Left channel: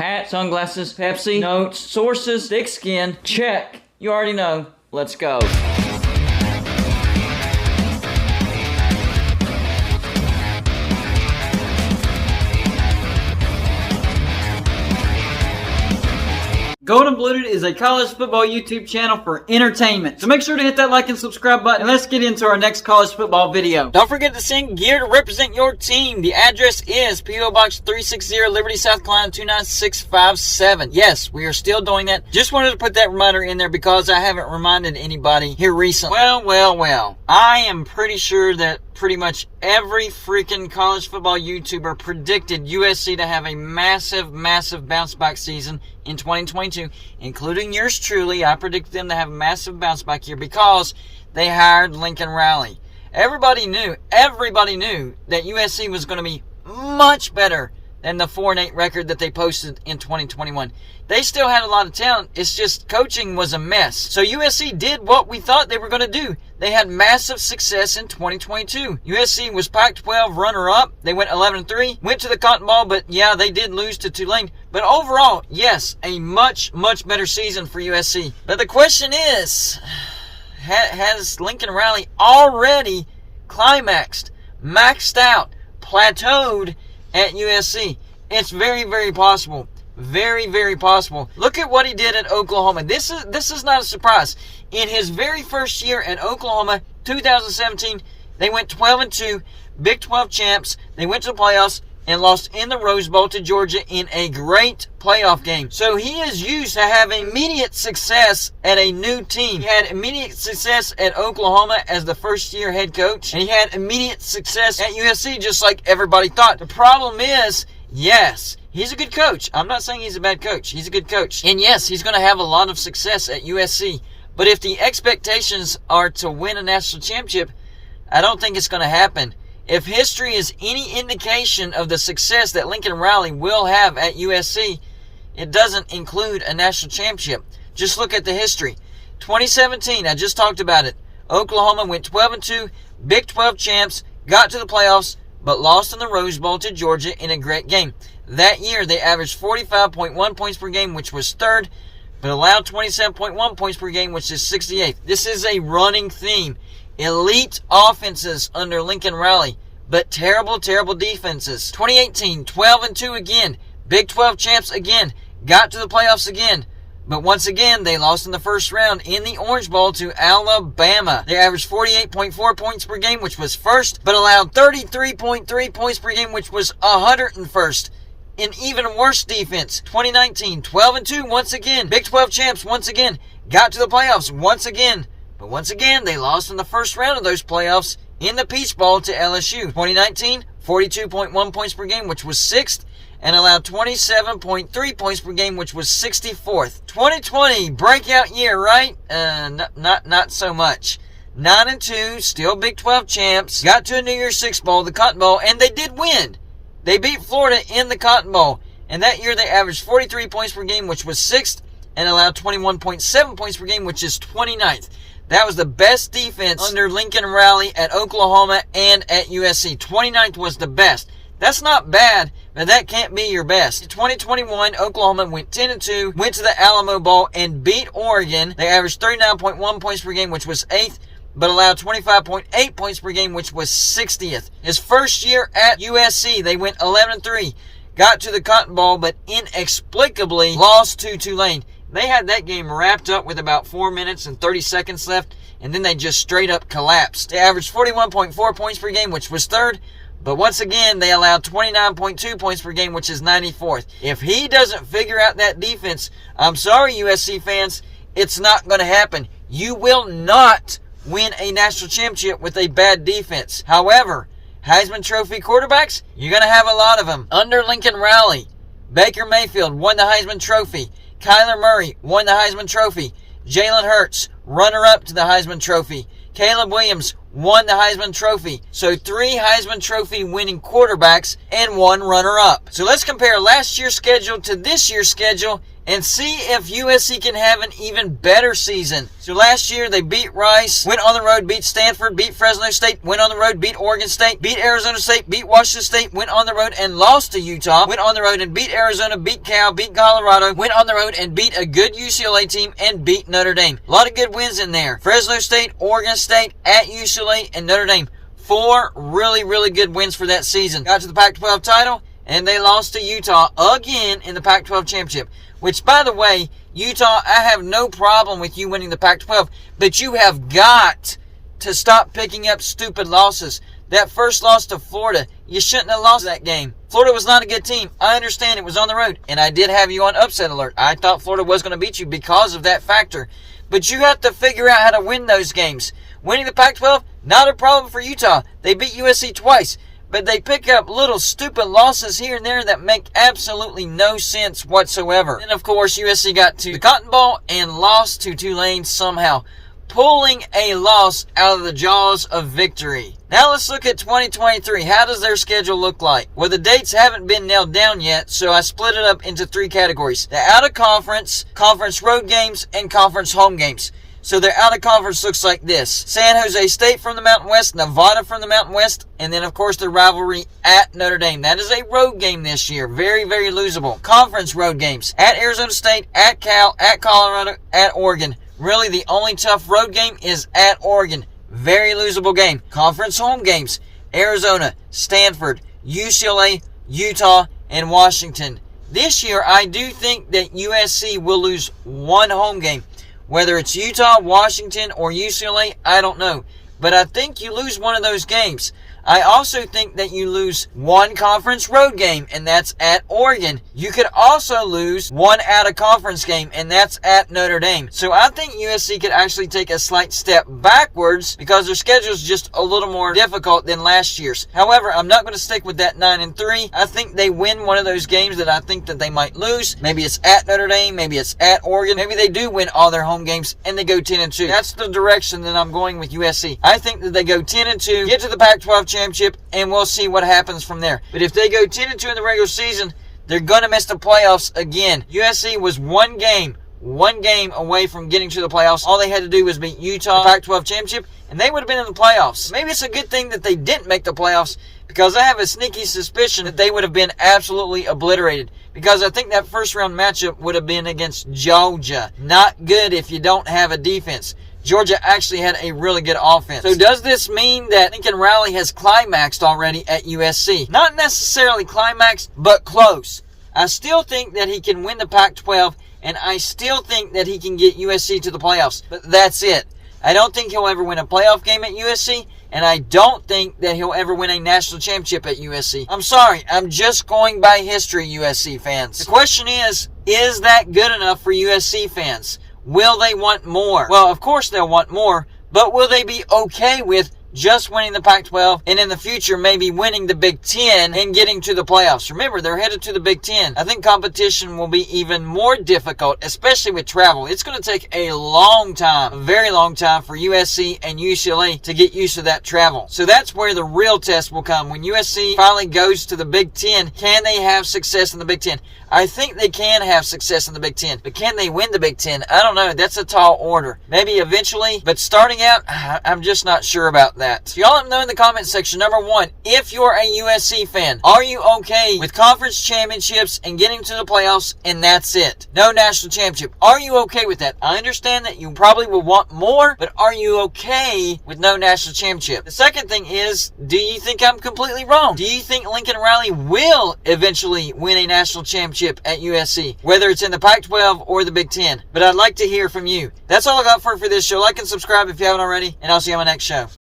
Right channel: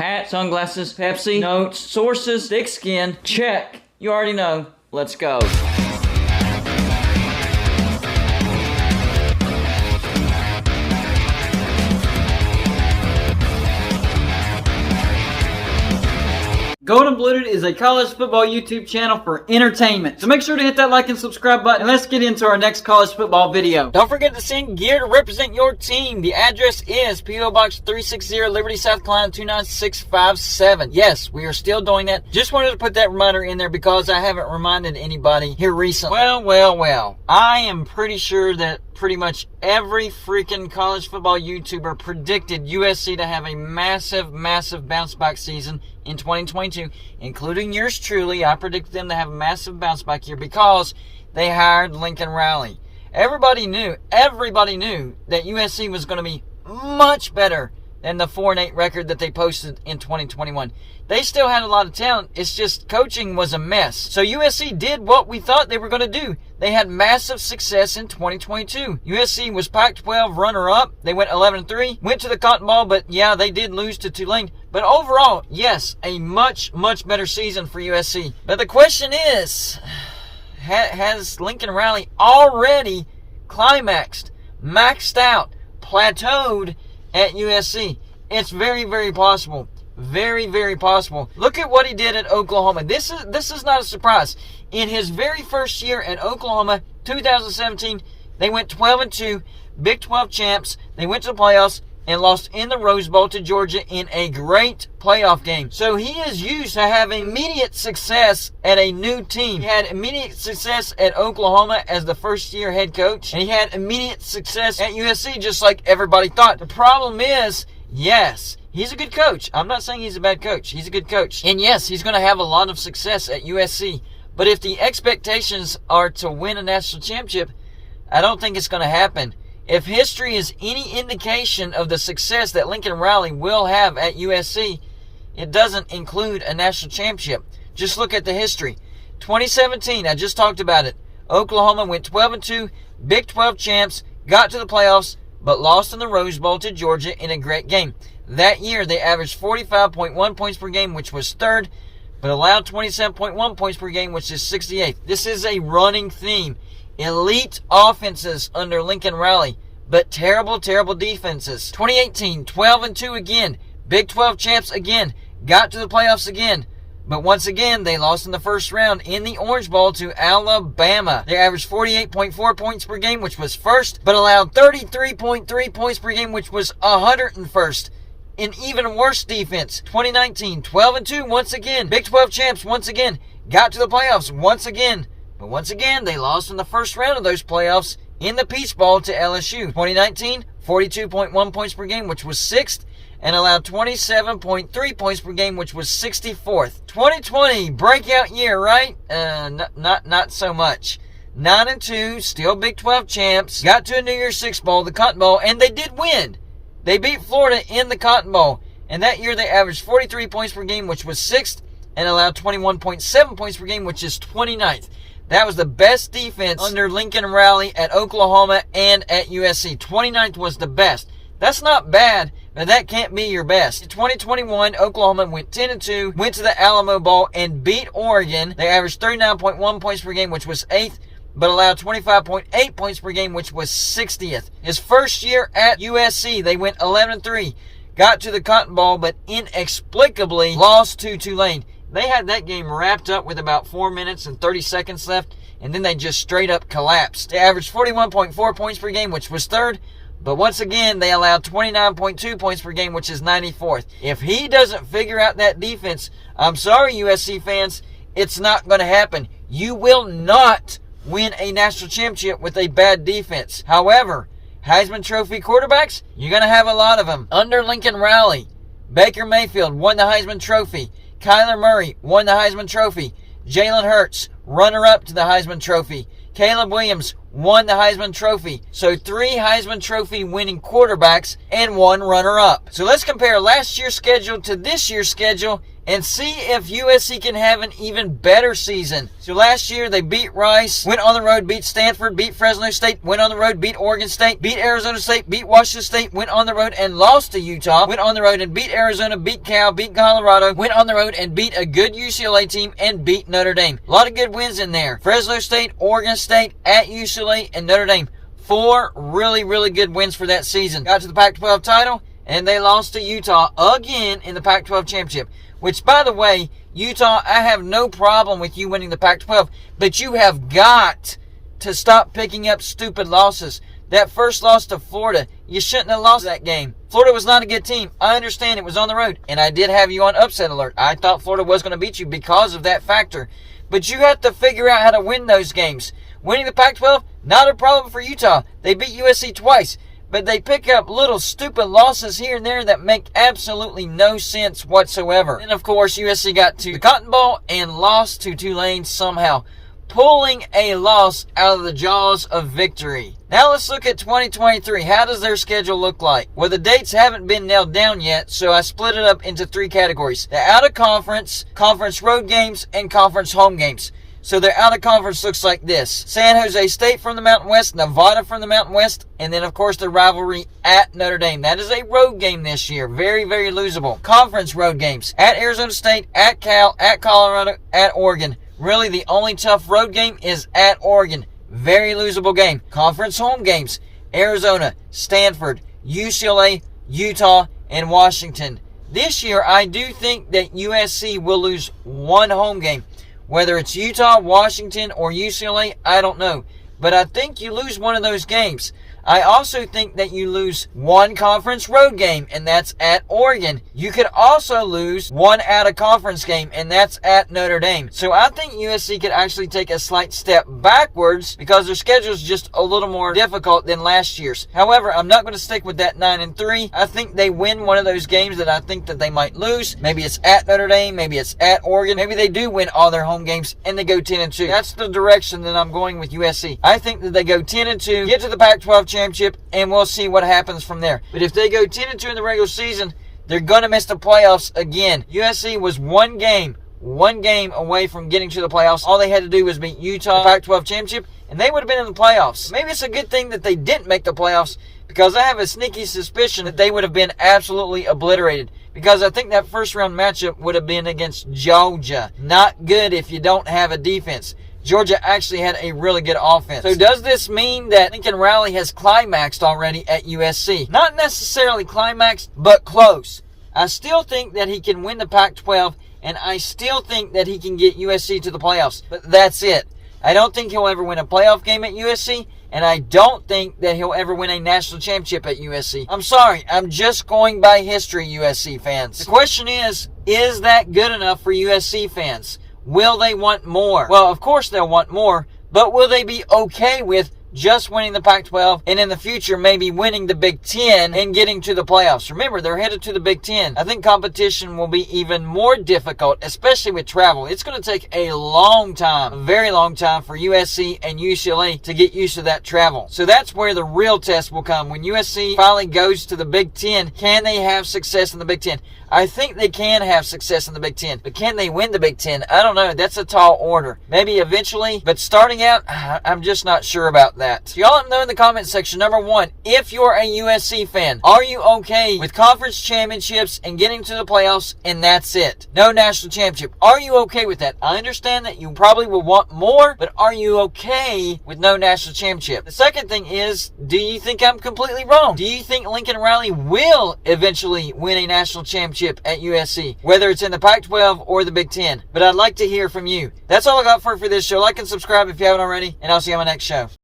Hat, sunglasses, Pepsi, notes, sources, thick skin. Check. You already know. Let's go. Golden Blooded is a college football YouTube channel for entertainment. So make sure to hit that like and subscribe button, and let's get into our next college football video. Don't forget to send gear to represent your team. The address is P.O. Box 360, Liberty, South Carolina 29657. Yes, we are still doing that. Just wanted to put that reminder in there because I haven't reminded anybody here recently. Well. I am pretty sure that pretty much every freaking college football YouTuber predicted USC to have a massive bounce back season in 2022, including yours truly. I predicted them to have a massive bounce back year because they hired Lincoln Riley. Everybody knew that USC was going to be much better than the 4-8 record that they posted in 2021. They still had a lot of talent. It's just coaching was a mess. So USC did what we thought they were going to do. They had massive success in 2022. USC was Pac-12 runner-up. They went 11-3. Went to the Cotton Bowl, but yeah, they did lose to Tulane. But overall, yes, a much better season for USC. But the question is, has Lincoln Riley already climaxed, maxed out, plateaued at USC? It's very possible. Very possible. Look at what he did at Oklahoma. This is not a surprise. In his very first year at Oklahoma, 2017, they went 12-2, Big 12 champs. They went to the playoffs and lost in the Rose Bowl to Georgia in a great playoff game. So he is used to having immediate success at a new team. He had immediate success at Oklahoma as the first-year head coach, and he had immediate success at USC just like everybody thought. The problem is, yes, he's a good coach. I'm not saying he's a bad coach. He's a good coach. And yes, he's going to have a lot of success at USC. But if the expectations are to win a national championship, I don't think it's going to happen. If history is any indication of the success that Lincoln Riley will have at USC, it doesn't include a national championship. Just look at the history. 2017, I just talked about it. Oklahoma went 12-2, Big 12 champs, got to the playoffs, but lost in the Rose Bowl to Georgia in a great game. That year, they averaged 45.1 points per game, which was third, but allowed 27.1 points per game, which is 68th. This is a running theme. Elite offenses under Lincoln Riley, but terrible defenses. 2018, 12-2 again. Big 12 champs again. Got to the playoffs again. But once again, they lost in the first round in the Orange Bowl to Alabama. They averaged 48.4 points per game, which was first, but allowed 33.3 points per game, which was 101st. An even worse defense. 2019, 12-2 once again. Big 12 champs once again. Got to the playoffs once again. But once again, they lost in the first round of those playoffs in the Peach Bowl to LSU. 2019, 42.1 points per game, which was 6th, and allowed 27.3 points per game, which was 64th. 2020, breakout year, right? Not so much. 9-2, still Big 12 champs. Got to a New Year's Six Bowl, the Cotton Bowl, and they did win. They beat Florida in the Cotton Bowl, and that year they averaged 43 points per game, which was 6th, and allowed 21.7 points per game, which is 29th. That was the best defense under Lincoln Riley at Oklahoma and at USC. 29th was the best. That's not bad, but that can't be your best. In 2021, Oklahoma went 10-2, went to the Alamo Bowl, and beat Oregon. They averaged 39.1 points per game, which was 8th, but allowed 25.8 points per game, which was 60th. His first year at USC, they went 11-3, got to the Cotton Bowl, but inexplicably lost to Tulane. They had that game wrapped up with about 4 minutes and 30 seconds left, and then they just straight up collapsed. They averaged 41.4 points per game, which was third, but once again, they allowed 29.2 points per game, which is 94th. If he doesn't figure out that defense, I'm sorry, USC fans, it's not going to happen. You will not win a national championship with a bad defense. However, Heisman Trophy quarterbacks, you're going to have a lot of them. Under Lincoln Riley, Baker Mayfield won the Heisman Trophy. Kyler Murray won the Heisman Trophy. Jalen Hurts, runner-up to the Heisman Trophy. Caleb Williams won the Heisman Trophy. So 3 Heisman Trophy winning quarterbacks and 1 runner-up. So let's compare last year's schedule to this year's schedule and see if USC can have an even better season. So last year they beat Rice, went on the road, beat Stanford, beat Fresno State, went on the road, beat Oregon State, beat Arizona State, beat Washington State, went on the road and lost to Utah, went on the road and beat Arizona, beat Cal, beat Colorado, went on the road and beat a good UCLA team and beat Notre Dame. A lot of good wins in there. Fresno State, Oregon State, at UCLA, and Notre Dame. 4 really, really good wins for that season. Got to the Pac-12 title, and they lost to Utah again in the Pac-12 championship. Which, by the way, Utah, I have no problem with you winning the Pac-12, but you have got to stop picking up stupid losses. That first loss to Florida, you shouldn't have lost that game. Florida was not a good team. I understand it was on the road, and I did have you on upset alert. I thought Florida was going to beat you because of that factor. But you have to figure out how to win those games. Winning the Pac-12, not a problem for Utah. They beat USC twice. But they pick up little stupid losses here and there that make absolutely no sense whatsoever. And of course, USC got to the Cotton Bowl and lost to Tulane somehow, pulling a loss out of the jaws of victory. Now let's look at 2023. How does their schedule look like? Well, the dates haven't been nailed down yet, so I split it up into 3 categories. The out-of-conference, conference road games, and conference home games. So their out-of-conference looks like this. San Jose State from the Mountain West, Nevada from the Mountain West, and then, of course, the rivalry at Notre Dame. That is a road game this year. Very, very losable. Conference road games. At Arizona State, at Cal, at Colorado, at Oregon. Really, the only tough road game is at Oregon. Very losable game. Conference home games. Arizona, Stanford, UCLA, Utah, and Washington. This year, I do think that USC will lose 1 home game. Whether it's Utah, Washington, or UCLA, I don't know. But I think you lose one of those games. I also think that you lose 1 conference road game, and that's at Oregon. You could also lose 1 out-of-conference game, and that's at Notre Dame. So I think USC could actually take a slight step backwards because their schedule is just a little more difficult than last year's. However, I'm not going to stick with that 9-3. I think they win one of those games that I think that they might lose. Maybe it's at Notre Dame. Maybe it's at Oregon. Maybe they do win all their home games, and they go 10-2. That's the direction that I'm going with USC. I think that they go 10-2, get to the Pac-12 championship, and we'll see what happens from there. But if they go 10-2 in the regular season, they're going to miss the playoffs again. USC was one game away from getting to the playoffs. All they had to do was beat Utah, Pac-12 championship, and they would have been in the playoffs. Maybe it's a good thing that they didn't make the playoffs, because I have a sneaky suspicion that they would have been absolutely obliterated. Because I think that first round matchup would have been against Georgia. Not good if you don't have a defense. Georgia actually had a really good offense. So does this mean that Lincoln Riley has climaxed already at USC? Not necessarily climaxed, but close. I still think that he can win the Pac-12, and I still think that he can get USC to the playoffs. But that's it. I don't think he'll ever win a playoff game at USC, and I don't think that he'll ever win a national championship at USC. I'm sorry, I'm just going by history, USC fans. The question is that good enough for USC fans? Will they want more? Well, of course they'll want more, but will they be okay with just winning the Pac-12 and in the future maybe winning the Big Ten and getting to the playoffs? Remember, they're headed to the Big Ten. I think competition will be even more difficult, especially with travel. It's going to take a long time, a very long time for USC and UCLA to get used to that travel. So that's where the real test will come. When USC finally goes to the Big Ten, can they have success in the Big Ten? I think they can have success in the Big Ten, but can they win the Big Ten? I don't know. That's a tall order. Maybe eventually, but starting out, I'm just not sure about that. So y'all let me know in the comment section. Number 1, if you're a USC fan, are you okay with conference championships and getting to the playoffs and that's it? No national championship. Are you okay with that? I understand that you probably will want more, but are you okay with no national championship? The second thing is, do you think I'm completely wrong? Do you think Lincoln Riley will eventually win a national championship at USC, whether it's in the Pac-12 or the Big Ten? But I'd like to hear from you. That's all I got for this show. Like and subscribe if you haven't already, and I'll see you on my next show.